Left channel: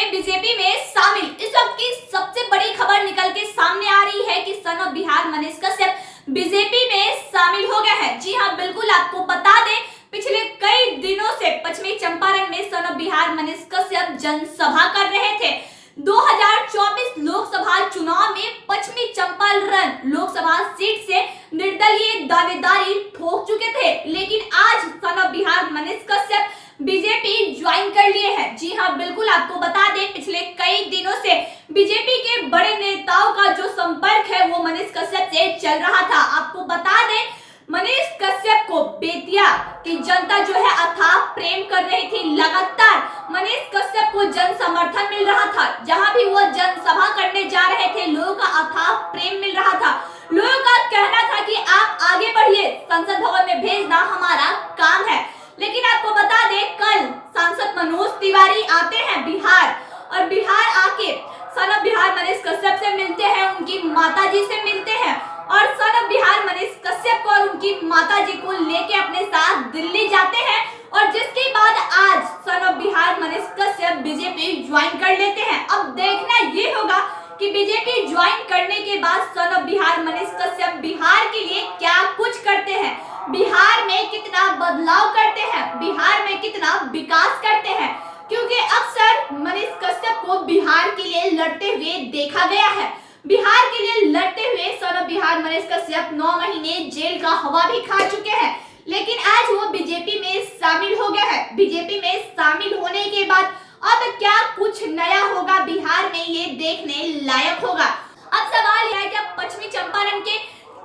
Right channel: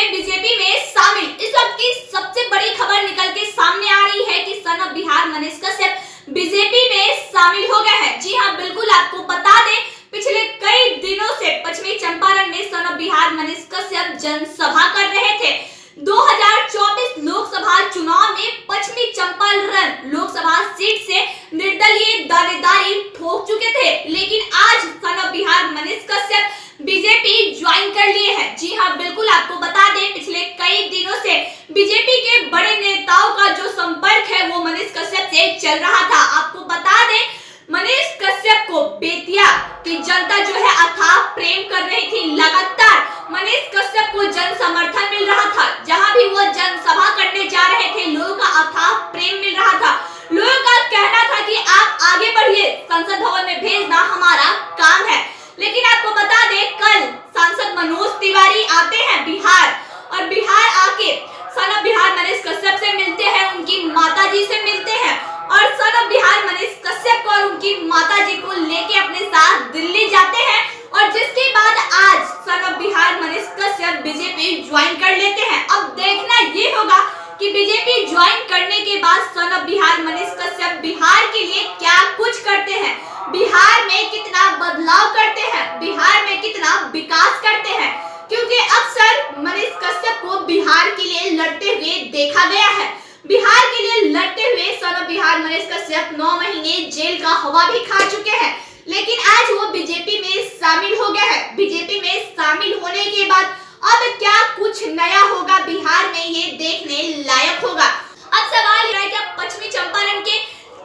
हुए बीजेपी में शामिल। इस वक्त की सबसे बड़ी खबर निकल के सामने आ रही है कि son of Bihar Manish Kashyap BJP में शामिल हो गए हैं। जी हां, बिल्कुल आपको बता दें, पिछले कई दिनों से पश्चिमी चंपारण में सन ऑफ बिहार मनीष कश्यप जनसभा कर रहे थे। 2024 लोकसभा चुनाव में पश्चिमी चंपारण लोकसभा सीट से निर्दलीय दावेदारी ठोक चुके थे, लेकिन आज son of Bihar Manish Kashyap BJP join कर लिए हैं। जी हां, बिल्कुल आपको बता दें, पिछले कई दिनों से बीजेपी के बड़े नेताओं का जो संपर्क है वो मनीष कश्यप से चल रहा था। आपको बता दें, मनीष कश्यप को बेतिया की जनता जो है अथाह प्रेम कर रही थी। लगातार मनीष कश्यप को जन समर्थन मिल रहा था। जहां भी वो जनसभा करने जा रहे थे, लोगों का अथाह प्रेम मिल रहा था। लोगों का कहना था कि आप आगे बढ़िए, संसद भवन में भेजना हमारा काम है। लेकिन आपको बता दें, कल सांसद मनोज तिवारी आते हैं बिहार, और बिहार आके सन ऑफ बिहार मनीष कश्यप से मिलते हैं, उनकी माताजी से मिलते हैं, और सन ऑफ बिहार मनीष कश्यप को और उनकी माताजी को लेके अपने साथ दिल्ली जाते हैं। और जिसके बाद आज son of Bihar Manish Kashyap BJP join कर लेते हैं। अब देखना ये होगा कि बीजेपी ज्वाइन करने के बाद सन ऑफ बिहार मनीष कश्यप बिहार के लिए क्या कुछ करते हैं, बिहार में कितना बदलाव करते हैं, बिहार में कितना विकास करते हैं। क्योंकि अक्सर मनीष कश्यप को बिहार के लिए लड़ते हुए देखा गया है। बिहार के लिए लड़ते हुए सन ऑफ बिहार मनीष कश्यप 9 महीने जेल का हवा भी खा चुके हैं, लेकिन आज वो बीजेपी में शामिल हो गए हैं। बीजेपी में शामिल होने के बाद अब क्या कुछ नया होगा बिहार में, ये देखने लायक होगा। अब सवाल यह है कि पश्चिमी चंपारण के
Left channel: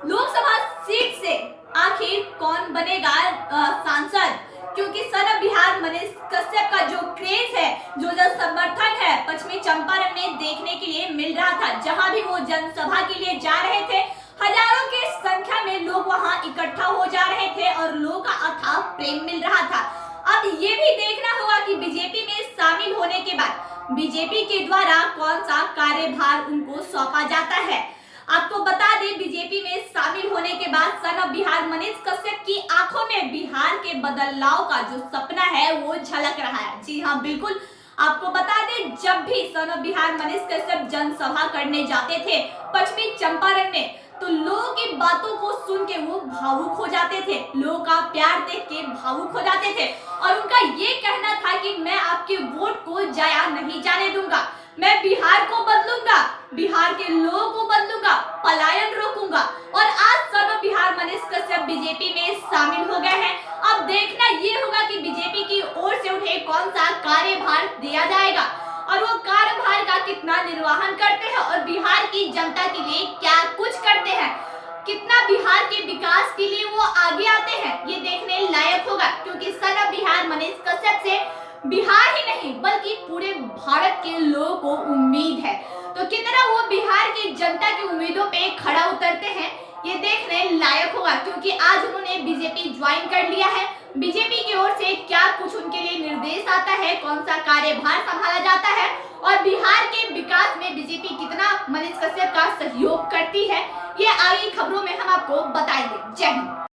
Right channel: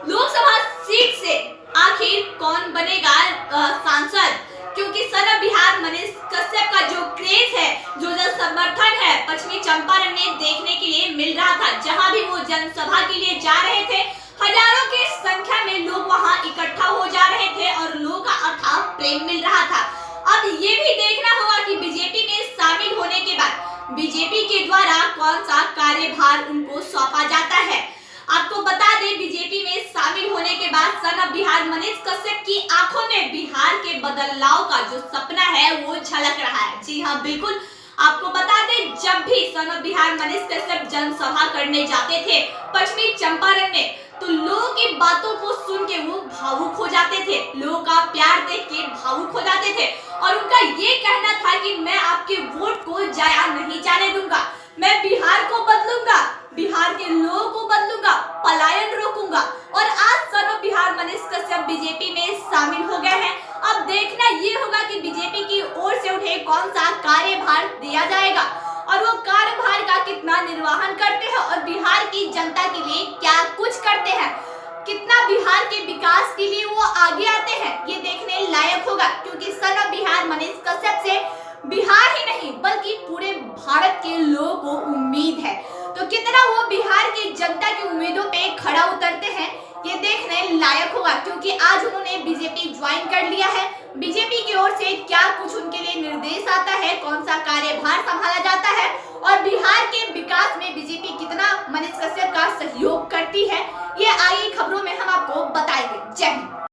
लोकसभा सीट से आखिर कौन बनेगा सांसद, क्योंकि सन ऑफ बिहार मनीष कश्यप का जो क्रेज है, जो समर्थन है, पश्चिमी चंपारण में देखने के लिए मिल रहा था। जहां भी वो जनसभा के लिए जा रहे थे, हजारों की संख्या में लोग वहां इकट्ठा हो जा रहे थे और लोगों का अथाह प्रेम मिल रहा था। अब ये भी देखना होगा कि बीजेपी में शामिल होने के बाद बीजेपी के द्वारा कौन सा कार्यभार उनको सौंपा जाता है। आपको बता दें, बीजेपी में शामिल होने के बाद सन ऑफ बिहार मनीष कश्यप की आंखों में बिहार के बदलाव का जो सपना है वो झलक रहा है। जी हाँ, बिल्कुल आपको बता दें, जब भी सन ऑफ बिहार मनीष कश्यप जनसभा करने जाते थे पश्चिमी चंपारण में, तो लोगों की बातों को सुन के वो भावुक हो जाते थे, लोगों का प्यार देख के भावुक हो जाते थे। और उनका ये कहना था कि मैं आपके वोट को जाया नहीं जाने दूंगा, मैं बिहार को बदलूंगा, बिहार के लोगों को बदलूंगा, पलायन रोकूंगा। और आज son of Bihar Manish Kashyap BJP में शामिल हो गए हैं। अब देखना ये होगा कि बीजेपी की ओर से उन्हें कौन सा कार्यभार दिया जाएगा और वो कार्यभार का कितना निर्वहन करते हैं और बिहार की जनता के लिए क्या कुछ करते हैं, कितना बिहार के विकास के लिए वो आगे आते हैं, ये देखने लायक होगा। क्योंकि सन ऑफ बिहार मनीष कश्यप से बिहार ही नहीं बल्कि पूरे भारत के लोगों को उम्मीद है। तो कितना वो बिहार की जनता की उम्मीदों पे खड़ा उतरते हैं, ये देखने लायक होगा। क्योंकि आज उन्होंने बीजेपी ज्वाइन कर लिया है। बीजेपी की ओर से क्या कुछ उनके लिए निर्देश आता है, कौन सा कार्यभार संभाला जाता है और बिहार के विकास में बीजेपी कितना मनीष कश्यप का सहयोग करती है, ये आगे खबरों में हम आपको बताएंगे। जय हिंद।